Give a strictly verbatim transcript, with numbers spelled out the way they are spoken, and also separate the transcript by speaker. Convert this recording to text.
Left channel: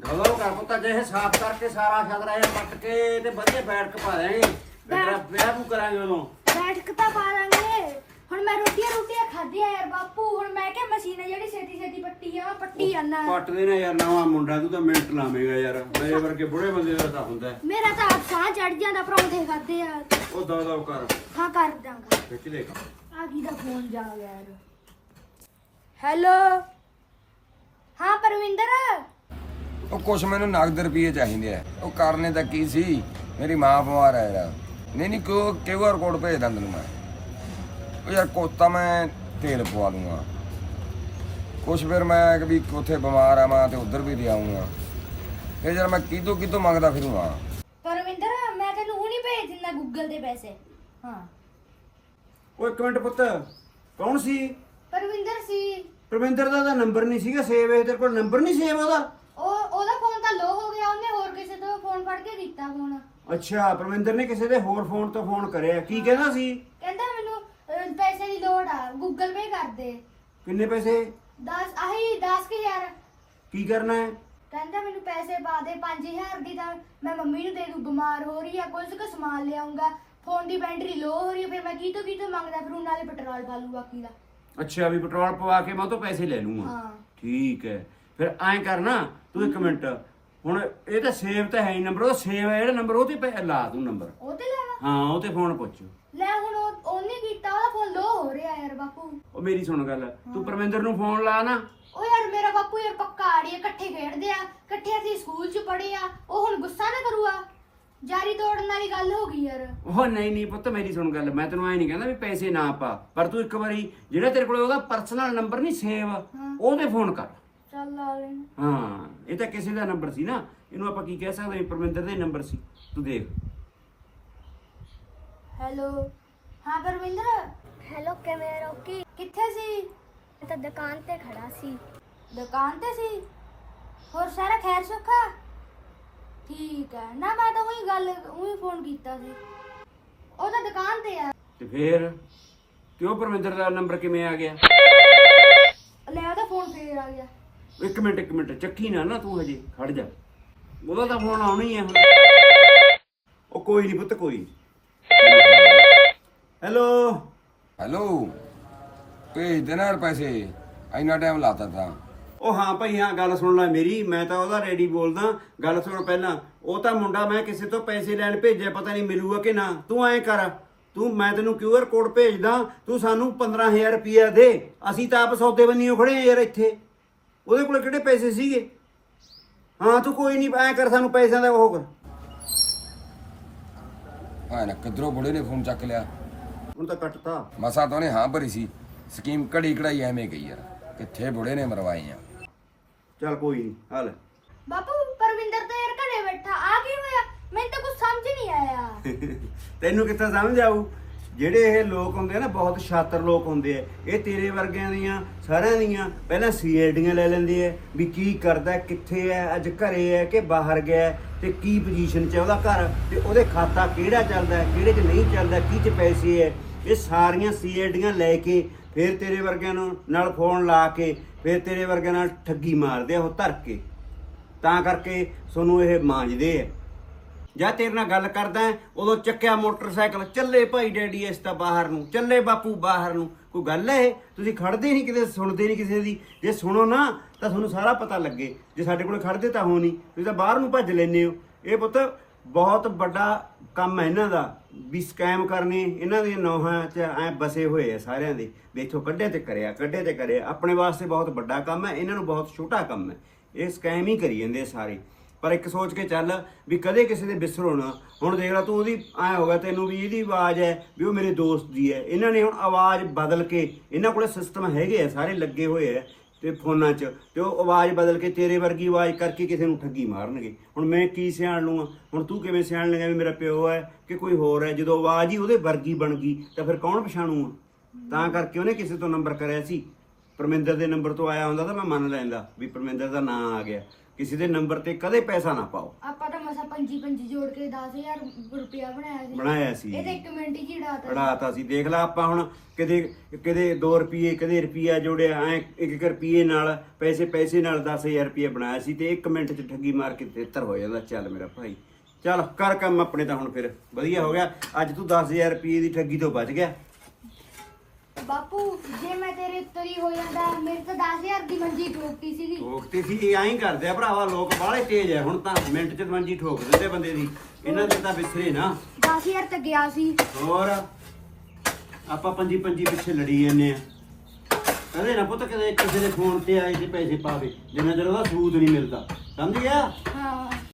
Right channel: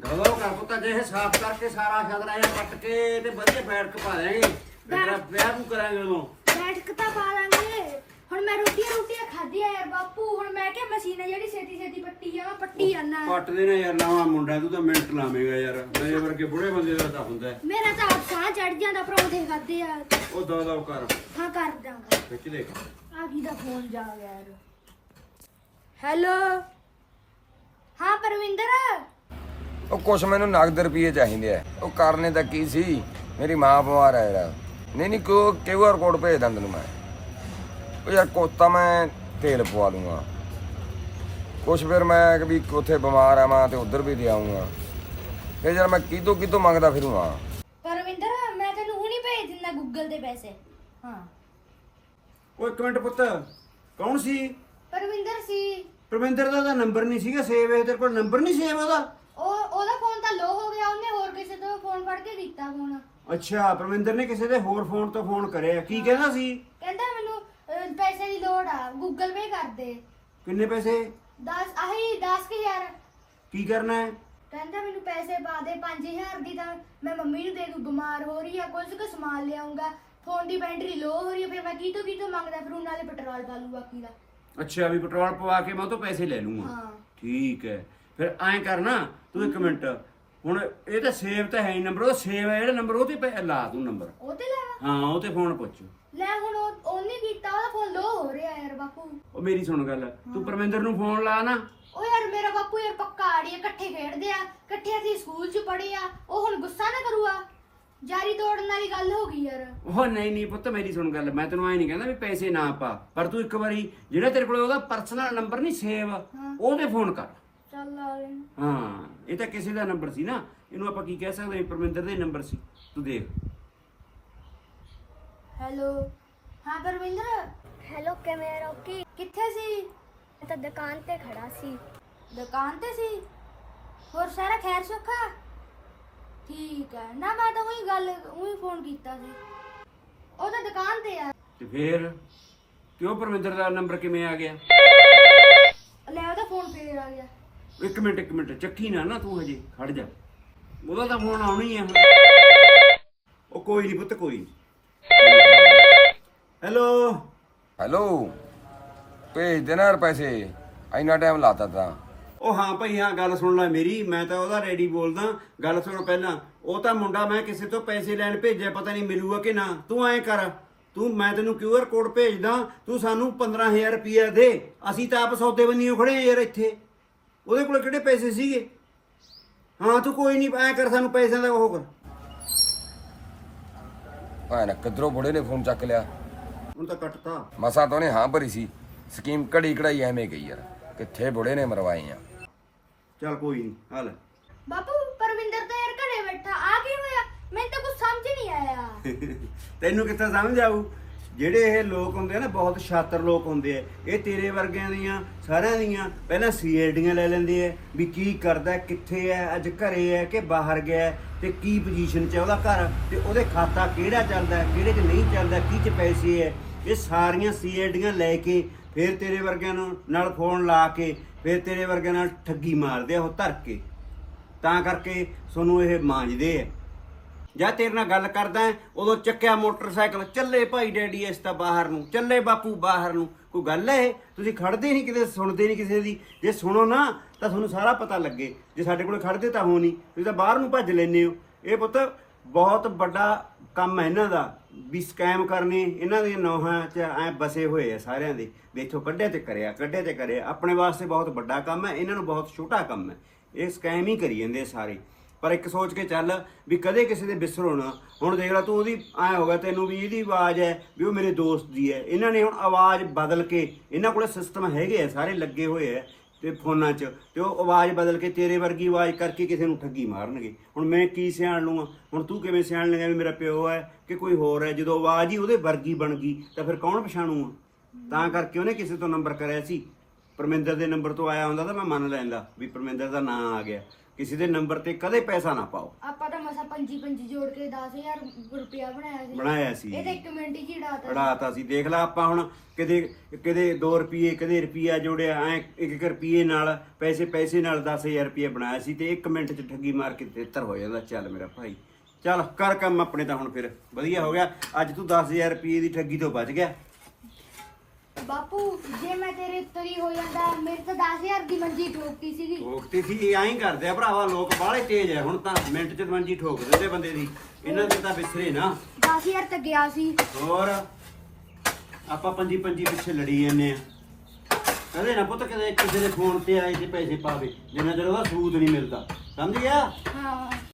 Speaker 1: ਗਲੋ ਕਰ ਪੁੱਤ ਜੇ ਇਹ ਸਾਫ਼ ਕਰਕੇ ਸਾਰਾ ਛਦਰਾ ਇਹ ਕੱਟ ਕੇ ਤੇ ਵਧੀਆ ਬੈਠ ਕੇ ਪਾ ਦੇਂਗੇ ਤੇਰਾ ਵਿਆਹ ਨੂੰ ਕਰਾਂਗੇ ਉਦੋਂ
Speaker 2: ਬੈਠ ਤਾਂ ਪਾ ਲਾਂਗੇ। ਹੁਣ ਮੈਂ ਰੋਟੀਆਂ ਰੋਟੀਆਂ ਖਾਧੀਆਂ ਯਾਰ ਬਾਪੂ। ਹੁਣ ਮੈਂ ਕਿਹਾ ਮਸ਼ੀਨ ਜਿਹੜੀ ਛੇਤੀ ਛੇਤੀ ਪੱਟੀ ਆ ਪੱਟੀ ਜਾਣਾ।
Speaker 1: ਪੱਟਦੇ ਨੇ ਯਾਰ ਨਵਾਂ ਮੁੰਡਾ ਤੂੰ ਤਾਂ ਮਿੰਟ ਲਾਵੇਂਗਾ ਯਾਰ ਮੇਰੇ ਵਰਗੇ ਬੁੜੇ ਬੰਦੇ ਦਾ ਤਾਂ ਹੁੰਦਾ
Speaker 2: ਮੇਰਾ ਤਾਂ ਸਾਹ ਚੜ ਜਾਂਦਾ ਪਰੌਂਠੇ ਖਾਦੇ ਆ।
Speaker 1: ਉਹ ਦਾ ਦਾ ਕਰ
Speaker 2: ਹਾਂ ਕਰ ਦਾਂਗਾ
Speaker 1: ਖਿੱਚ ਲੈ ਕਰ
Speaker 2: ਆ ਕੀ ਦਾ ਫੋਨ ਜਾ ਯਾਰ। ਹੈਲੋ ਹਾਂ ਪਰਵਿੰਦਰ।
Speaker 3: ਉਹ ਕੁਛ ਮੈਨੂੰ ਨਗਦ ਰੁਪਏ ਚਾਹੀਦੇ ਆ। ਉਹ ਕਰਨੇ ਤਾਂ ਕੀ ਸੀ, ਮੇਰੀ ਮਾਂ ਬਿਮਾਰ ਹੈ ਯਾਰ। ਨਹੀਂ ਨਹੀਂ ਕਿਉਂ ਕਿਊ ਆਰ ਕੋਡ ਭੇਜ ਦਾਂ ਤੈਨੂੰ ਮੈਂ। ਉਹ ਯਾਰ ਕੋਤਾ ਮੈਂ ਤੇਲ ਪਵਾ ਦੂੰਗਾ ਕੁਛ, ਫਿਰ ਮੈਂ ਕਿ ਵੀ ਉੱਥੇ ਬਿਮਾਰ ਆ ਮੈਂ ਤੇ ਉੱਧਰ ਵੀ ਦੇ ਆਊਂਗਾ। ਫਿਰ ਯਾਰ ਮੈਂ ਕਿਤੋਂ ਕਿਤੋਂ ਮੰਗਦਾ ਫਿਰੂੰਗਾ।
Speaker 2: ਪਰਵਿੰਦਰ ਮੈਂ ਤੈਨੂੰ ਹੁਣੀ ਭੇਜ ਦਿੰਦਾ ਗੂਗਲ ਦੇ ਪੈਸੇ। ਹਾਂ
Speaker 1: ਉਹ ਇੱਕ ਮਿੰਟ ਪੁੱਤ ਕੌਣ ਸੀ?
Speaker 2: ਪਰਵਿੰਦਰ ਸੀ।
Speaker 1: ਪ੍ਰਵਿੰਦਰ ਦਾ ਤਾਂ ਨੰਬਰ ਨਹੀਂ ਸੀਗਾ ਸੇਵ। ਇਹ ਤੇਰੇ ਕੋਲ ਨੰਬਰ ਨਹੀਂ ਸੇਵ ਉਹਦਾ?
Speaker 2: ਉਹ ਉਹਦਾ ਫੋਨ ਤਾਂ ਲੋ ਹੋ ਗਿਆ। ਉਹਨੇ ਹੋਰ ਕਿਸੇ ਤੋਂ ਫੋਨ ਫੜ ਕੇ ਦਿੱਤਾ ਫੋਨ।
Speaker 1: ਅੱਛਾ ਪ੍ਰਵਿੰਦਰ ਨੇ ਕਿਸੇ ਦੇ ਹੋਰ ਫੋਨ ਤੋਂ ਫੋਨ ਕਰਿਆ। ਕੀ ਕਹਿੰਦਾ ਸੀ?
Speaker 2: ਕਹਿੰਦਾ ਮੈਨੂੰ ਅਹ, ਪੈਸੇ ਦੀ ਲੋੜ ਆ ਗੂਗਲ ਪੇ ਕਰ ਦੇ।
Speaker 1: ਕਿੰਨੇ ਪੈਸੇ?
Speaker 2: ਦਸ ਆਹੀ ਦਸ ਹਜ਼ਾਰ।
Speaker 1: ਕੀ ਕਰਨਾ ਹੈ?
Speaker 2: ਕਹਿੰਦਾ ਮੈਨੂੰ ਪੈਸੇ ਪਾ ਦੇ ਪੰਜ ਹਜ਼ਾਰ ਦੀ। ਤਾਂ ਮੈਂ ਮੰਮੀ ਨੂੰ ਤੇਰੀ ਨੂੰ ਬਿਮਾਰ ਹੋ ਰਹੀ ਆ ਕੁਝ ਕੁ ਸਮਾਨ ਲਿਆਉਂਗਾ। ਫੋਨ ਦੀ ਬੈਟਰੀ ਲੋ ਹੋ ਰਹੀ ਹੈ। ਫਿਰ ਮੈਂ ਕੀ ਤੋਂ ਕੀ ਤੋਂ ਮੰਗਦਾ ਫਿਰ ਨਾਲੇ ਪੈਟਰੋਲ ਪਾ ਲੂ ਬਾਕੀ ਦਾ।
Speaker 1: ਅੱਛਾ ਵੀ ਪੈਟਰੋਲ ਪਵਾ ਕੇ ਮੈਂ ਤੋਂ ਪੈਸੇ ਲੈ ਲੂੰਗਾ।
Speaker 2: ਹਾਂ
Speaker 1: ਠੀਕ ਹੈ ਫਿਰ ਐਂ ਕਰਨਾ ਤੂੰ ਇੱਕ ਮਿੰਟ ਹੁਣ ਇਹ ਤਾਂ ਸੇਵ ਤਾਂ ਹੈ ਹੀ ਨੰਬਰ। ਉਹ ਸੇਵ ਹੈ ਜਿਹੜਾ ਨੰਬਰ ਉਹ ਤੇ ਪੈ- ਲਾ ਤੂੰ ਨੰਬਰ।
Speaker 2: ਉਹ ਤੇ ਲਾਵਾ
Speaker 1: ਹਾਂ ਉਹ ਤੇ ਫੋਨ ਪੁੱਛ।
Speaker 2: ਲੈ ਹੁਣ ਉਹ- ਉਹਨੇ ਕੀਤਾ ਉਹਦਾ ਫੋਨ ਲੋ ਹੋ ਰਿਹਾ ਯਾਰ ਬਾਪੂ।
Speaker 1: ਉਹ ਮੇਰੀ ਸੁਣ ਗੱਲ ਤੂੰ ਪਰਮਿੰਦਰ ਨੂੰ ਫੋਨ ਲਾ ਨਾ।
Speaker 2: ਉਹ ਯਾਰ ਮੇਰਾ ਬਾਪੂ ਯਾਰ ਪੱਕਾ ਆੜੀ ਇਕੱਠੇ ਖੇਡਦੇ ਆ ਇਕੱਠੇ ਅਸੀਂ ਸਕੂਲ ਚ ਪੜ੍ਹੇ ਆ। ਉਹ ਹੁਣ ਗੁੱਸਾ ਨਾ ਕਰੂਗਾ। ਜਾਰੀ ਤੋੜਨ ਵਾਲੀ ਗੱਲ ਹੋ ਗਈ ਯਾਰ।
Speaker 1: ਉਹ ਨਹੀਂ ਨਹੀਂ ਪੁੱਤ ਮੇਰੀ ਸੁਣ ਗੱਲ ਮੈਂ ਤੈਨੂੰ ਐ ਨਹੀਂ ਕਹਿੰਦਾ ਵੀ ਪੈਸੇ ਨਾ ਪਾ ਪਰ ਤੂੰ ਇੱਕ ਵਾਰੀ ਜਿਹੜਾ ਤੇਰੇ ਕੋਲ ਉਹਦਾ ਪਰਸਨਲ ਨੰਬਰ ਨਹੀਂ ਸੇਵ ਉਹਦੇ ਫੋਨ ਕਰ।
Speaker 2: ਚੱਲ ਆ ਲੈ।
Speaker 1: ਹਾਂ ਇਹ ਤਾਂ ਕਿਸੇ ਦਾ ਨੰਬਰ ਸੀ ਨਾ। ਇਹਨੂੰ ਆਪਾਂ ਕੀ ਕਹਿ ਸਕਦੇ ਪਰਮਿੰਦਰ ਦੇ ਨੰਬਰ ਸੀ। ਤੂੰ ਦੇਖ।
Speaker 2: ਹੈਲੋ ਹਾਂ ਪਰਵਿੰਦਰ।
Speaker 4: ਹੈਲੋ ਕਿਵੇਂ ਰੋਕੀ?
Speaker 2: ਕਿੱਥੇ ਸੀ?
Speaker 4: ਮੈਂ ਤਾਂ ਦੁਕਾਨ ਤੇ ਖੜਾ ਸੀ।
Speaker 2: ਦੁਕਾਨ ਤੇ ਸੀ। ਹੋਰ ਸਾਰਾ ਖੈਰ ਸੁੱਖਾ? ਠੀਕ ਹੈ ਨਾ। ਮੈਂ ਤਾਂ ਉਹੀ ਗੱਲ ਉਹੀ ਫੋਨ ਕੀਤਾ ਸੀ। ਉਹ ਤਾਂ ਦੁਕਾਨ ਤੇ ਆ।
Speaker 1: ਤੇ ਫੇਰ ਕਿਉਂ ਪਰਮਿੰਦਰ ਦਾ ਨੰਬਰ ਕਿਵੇਂ ਆ ਗਿਆ?
Speaker 2: ਲੈ ਉਹਦਾ ਫੋਨ ਫੇਰ ਆ ਗਿਆ।
Speaker 1: ਇੱਕ ਮਿੰਟ ਇੱਕ ਮਿੰਟ ਚੱਕੀ ਨਾ ਨਾ ਤੂੰ ਹਜੇ ਖੜ ਜਾ। ਉਹਦਾ ਤਾਂ ਫੋਨ ਆਉਣਾ ਹੀ ਆ ਹੁਣ। ਉਹ ਕੋਈ ਨਹੀਂ ਪੁੱਤ ਕੋਈ। ਹੈਲੋ
Speaker 3: ਹੈਲੋ ਭੇਜ ਦੇਣਾ ਯਾਰ ਪੈਸੇ। ਇੰਨਾ ਟਾਈਮ ਲਾਤਾ ਤਾਂ।
Speaker 1: ਉਹ ਹਾਂ ਭਾਈ ਹਾਂ ਗੱਲ ਸੁਣ ਲੈ ਮੇਰੀ। ਮੈਂ ਤਾਂ ਉਹਦਾ ਰੈਡੀ ਬੋਲਦਾ। ਗੱਲ ਸੁਣ ਪਹਿਲਾਂ। ਉਹ ਤਾਂ ਮੁੰਡਾ ਮੈਂ ਕਿਸੇ ਤੋਂ ਪੈਸੇ ਲੈਣ ਭੇਜਿਆ ਪਤਾ ਨਹੀਂ ਮਿਲੂਗਾ ਕਿ ਨਾ। ਤੂੰ ਐਂ ਕਰ ਤੂੰ ਮੈਂ ਤੈਨੂੰ ਕਿਊ ਆਰ ਕੋਡ ਭੇਜਦਾ ਤੂੰ ਸਾਨੂੰ ਪੰਦਰਾਂ ਹਜ਼ਾਰ ਰੁਪਇਆ ਦੇ। ਅਸੀਂ ਤਾਂ ਆਪ ਸੌਦੇ ਬੰਨੀਓ ਖੜੇ ਆ ਯਾਰ ਇੱਥੇ। ਉਹਦੇ ਕੋਲ ਕਿਹੜੇ ਪੈਸੇ ਸੀਗੇ? ਹਾਂ ਤੂੰ ਕੋਈ ਨਹੀਂ ਐਂ ਕਰ ਸਾਨੂੰ ਪੈਸਿਆਂ ਦਾ ਉਹ ਕਰ।
Speaker 3: ਭਾਂ ਨਾ ਕਿੱਧਰੋਂ ਬੁੜੇ ਨੇ ਫੋਨ ਚੱਕ ਲਿਆ।
Speaker 1: ਹੁਣ ਤਾਂ ਕੱਟਤਾ।
Speaker 3: ਮਸਾ ਤਾਂ ਉਹਨੇ ਹਾਂ ਭਰੀ ਸੀ। ਸਕੀਮ ਘੜੀ ਘੜਾਈ ਐਵੇਂ ਗਈ ਯਾਰ। ਕਿੱਥੇ ਬੁੜੇ ਨੇ ਮਰਵਾਏ ਆ।
Speaker 1: ਚੱਲ ਕੋਈ ਨਹੀਂ ਹਾਲ।
Speaker 2: ਬਾਪੂ ਪਰਵਿੰਦਰ ਤਾਂ ਯਾਰ ਘਰੇ ਬੈਠਾ ਆ ਕੀ ਹੋਇਆ? ਮੈਨੂੰ ਤਾਂ ਕੁਝ ਸਮਝ ਨਹੀਂ ਆਇਆ।
Speaker 1: ਤੈਨੂੰ ਕਿੱਥੇ ਸਮਝ ਆਊ? ਜਿਹੜੇ ਇਹ ਲੋਕ ਹੁੰਦੇ ਆ ਨਾ ਬਹੁਤ ਸ਼ਾਤਰ ਲੋਕ ਹੁੰਦੇ ਆ। ਇਹ ਤੇਰੇ ਵਰਗਿਆਂ ਦੀਆਂ ਸਾਰਿਆਂ ਦੀਆਂ ਪਹਿਲਾਂ ਸੀ ਆਈ ਡੀਆਂ ਲੈ ਲੈਂਦੇ ਆ ਵੀ ਕੀ ਕਰਦਾ ਕਿੱਥੇ ਹੈ ਅੱਜ ਘਰੇ ਹੈ ਕਿ ਬਾਹਰ ਗਿਆ ਤੇ ਕੀ ਪੋਜੀਸ਼ਨ 'ਚ ਉਹਦਾ ਘਰ ਤੇ ਉਹਦੇ ਖਾਤਾ ਕਿਹੜਾ ਚੱਲਦਾ ਕਿਹੜੇ 'ਚ ਨਹੀਂ ਚੱਲਦਾ ਕੀ 'ਚ ਪੈਸੇ ਹੈ। ਇਹ ਸਾਰੀਆਂ ਸੀ ਆਈ ਡੀਆਂ ਲੈ ਕੇ ਫਿਰ ਤੇਰੇ ਵਰਗਿਆਂ ਨੂੰ ਨਾਲ ਫੋਨ ਲਾ ਕੇ ਫਿਰ ਤੇਰੇ ਵਰਗਿਆਂ ਨਾਲ ਠੱਗੀ ਮਾਰਦੇ ਆ ਉਹ ਧਰ ਕੇ। ਤਾਂ ਕਰਕੇ ਤੁਹਾਨੂੰ ਇਹ ਮਾਂਜਦੇ ਆ। ਜਾਂ ਤੇਰੇ ਨਾਲ ਗੱਲ ਕਰਦਾ ਉਦੋਂ ਚੱਕਿਆ ਮੋਟਰਸਾਈਕਲ ਚੱਲੇ ਭਾਈ ਡੈਡੀ ਇਸ ਤਾਂ ਬਾਹਰ ਨੂੰ ਚੱਲੇ ਬਾਪੂ ਬਾਹਰ ਨੂੰ। ਕੋਈ ਗੱਲ ਹੈ? ਤੁਸੀਂ ਖੜਦੇ ਨਹੀਂ ਕਿਤੇ ਸੁਣਦੇ ਨਹੀਂ ਕਿਸੇ ਦੀ। ਜੇ ਸੁਣੋ ਨਾ ਤਾਂ ਤੁਹਾਨੂੰ ਸਾਰਾ ਪਤਾ ਲੱਗੇ। ਜੇ ਸਾਡੇ ਕੋਲ ਖੜਦੇ ਤਾਂ ਹੋ ਨਹੀਂ ਤੁਸੀਂ ਤਾਂ ਬਾਹਰ ਨੂੰ ਭੱਜ ਲੈਂਦੇ ਹੋ। ਇਹ ਪੁੱਤ ਬਹੁਤ ਵੱਡਾ ਕੰਮ ਹੈ ਇਹਨਾਂ ਦਾ ਵੀ ਸਕੈਮ ਕਰਨੇ। ਇਹਨਾਂ ਦੀਆਂ ਨੌਹਾਂ 'ਚ ਐ ਬਸੇ ਹੋਏ ਆ ਸਾਰਿਆਂ ਦੇ। ਦੇਖੋ ਕੱਢੇ ਤੇ ਕਰਿਆ ਕੱਢੇ ਤੇ ਕਰਿਆ। ਆਪਣੇ ਵਾਸਤੇ ਬਹੁਤ ਵੱਡਾ ਕੰਮ ਹੈ ਇਹਨਾਂ ਨੂੰ ਬਹੁਤ ਛੋਟਾ ਕੰਮ ਹੈ। ਇਹ ਸਕੈਮ ਹੀ ਕਰੀ ਜਾਂਦੇ ਸਾਰੇ। ਪਰ ਇੱਕ ਸੋਚ ਕੇ ਚੱਲ ਵੀ ਕਦੇ ਕਿਸੇ ਦੇ ਵਿਸਰੋ ਨਾ। ਹੁਣ ਦੇਖ ਲਾ ਤੂੰ ਉਹਦੀ ਐਂ ਹੋ ਗਿਆ ਤੈਨੂੰ ਵੀ ਇਹਦੀ ਆਵਾਜ਼ ਹੈ ਵੀ ਉਹ ਮੇਰੇ ਦੋਸਤ ਦੀ ਹੈ। ਇਹਨਾਂ ਨੇ ਹੁਣ ਆਵਾਜ਼ ਬਦਲ ਕੇ ਇਹਨਾਂ ਕੋਲੇ ਸਿਸਟਮ ਹੈਗੇ ਆ ਸਾਰੇ ਲੱਗੇ ਹੋਏ ਆ ਤੇ ਫੋਨਾਂ 'ਚ ਤੇ ਉਹ ਆਵਾਜ਼ ਬਦਲ ਕੇ ਤੇਰੇ ਵਰਗੀ ਆਵਾਜ਼ ਕਰਕੇ ਕਿਸੇ ਨੂੰ ਠੱਗੀ ਮਾਰਨਗੇ। ਹੁਣ ਮੈਂ ਕੀ ਸਿਆਣ ਲੂੰਗਾ? ਹੁਣ ਤੂੰ ਕਿਵੇਂ ਸਿਆਣ ਲੇਗਾ ਵੀ ਮੇਰਾ ਪਿਓ ਹੈ ਕਿ ਕੋਈ ਹੋਰ ਹੈ? ਜਦੋਂ ਆਵਾਜ਼ ਹੀ ਉਹਦੇ ਵਰਗੀ ਬਣ ਗਈ ਤਾਂ ਫਿਰ ਕੌਣ ਪਛਾਣੂਗਾ? ਤਾਂ ਕਰਕੇ ਉਹਨੇ ਕਿਸੇ ਤੋਂ ਨੰਬਰ ਕਰਿਆ ਸੀ। ਪਰਮਿੰਦਰ ਦੇ ਨੰਬਰ ਤੋਂ ਆਇਆ ਹੁੰਦਾ ਤਾਂ ਮੈਂ ਮੰਨ ਲੈਂਦਾ ਵੀ ਪਰਮਿੰਦਰ ਦਾ ਨਾਂ ਆ ਗਿਆ। ਕਿਸੇ ਦੇ ਨੰਬਰ ਤੇ ਕਦੇ ਪੈਸਾ ਨਾ ਪਾਓ।
Speaker 2: ਆਪਾਂ ਤਾਂ ਮਸਾ ਪੰਜੀ ਪੰਜੀ ਜੋੜ ਕੇ ਦਸ ਹਜ਼ਾਰ ਰੁਪਇਆ ਬਣਾਇਆ ਸੀ
Speaker 1: ਬਣਾਇਆ ਸੀ
Speaker 2: ਇਹ ਤਾਂ ਇੱਕ ਮਿੰਟ ਹੀ ਝੜਾਤਾ
Speaker 1: ਉਡਾਤਾ ਸੀ। ਦੇਖ ਲੈ ਆਪਾਂ ਹੁਣ ਕਦੇ ਕਦੇ ਦੋ ਰੁਪਏ ਕਦੇ ਰੁਪਿਆ ਜੋੜਿਆ ਐ ਇੱਕ ਇੱਕ ਰੁਪਏ ਨਾਲ ਪੈਸੇ ਪੈਸੇ ਨਾਲ ਦਸ ਹਜ਼ਾਰ ਰੁਪਏ ਬਣਾਇਆ ਸੀ ਤੇ ਇੱਕ ਮਿੰਟ ਚ ਠੱਗੀ ਮਾਰ ਕੇ ਤੇਤਰ ਹੋ ਜਾਂਦਾ। ਚੱਲ ਮੇਰਾ ਭਾਈ ਚੱਲ ਕਰ ਕੰਮ ਆਪਣੇ ਤਾਂ ਹੁਣ ਫਿਰ ਵਧੀਆ ਹੋ ਗਿਆ। ਅੱਜ ਤੂੰ ਦਸ ਹਜ਼ਾਰ ਰੁਪਏ ਦੀ ਠੱਗੀ ਤੋਂ ਬਚ ਗਿਆ।
Speaker 2: ਬਾਪੂ ਜੇ ਮੈਂ ਤੇਰੇ ਉੱਤਰੀ ਹੋ ਜਾਂਦਾ ਮੇਰੇ ਤਾਂ ਦਸ ਹਜ਼ਾਰ ਦੀ ਮੰਜੀ ਠੋਕੀ ਸੀਗੀ
Speaker 1: ਠੋਕਤੀ ਸੀ ਇਹ ਐਂ ਕਰਦੇ ਆ ਭਰਾਵਾ ਲੋਕ ਬਾਹਲੇ ਤੇਜ਼ ਐ। ਹੁਣ ਤਾਂ ਮਿੰਟ ਚ ਮੰਜੀ ਠੋਕ ਦਿੰਦੇ ਬੰਦੇ ਦੀ। ਇਹਨਾਂ ਚ ਤਾਂ ਵਿਸਰੇ ਨਾ।
Speaker 2: ਦਸ ਹਜ਼ਾਰ ਤਾਂ ਗਿਆ ਸੀ
Speaker 1: ਹੋਰ ਆਪਾਂ ਪੰਜੀ ਪੰਜੀ ਪਿੱਛੇ ਲੜੀ ਜਾਂਦੇ ਆ। ਅਰੇ ਨਾ ਪੁੱਤ ਕਦੇ ਕਿਸੇ ਦੇ ਫੋਨ ਤੇ ਆਏ ਸੀ ਪੈਸੇ ਪਾਵੇ ਜਿੰਨਾ ਚਿਰ ਉਹਦਾ ਸਬੂਤ ਨਹੀਂ ਮਿਲਦਾ ਸਮਝਿਆ।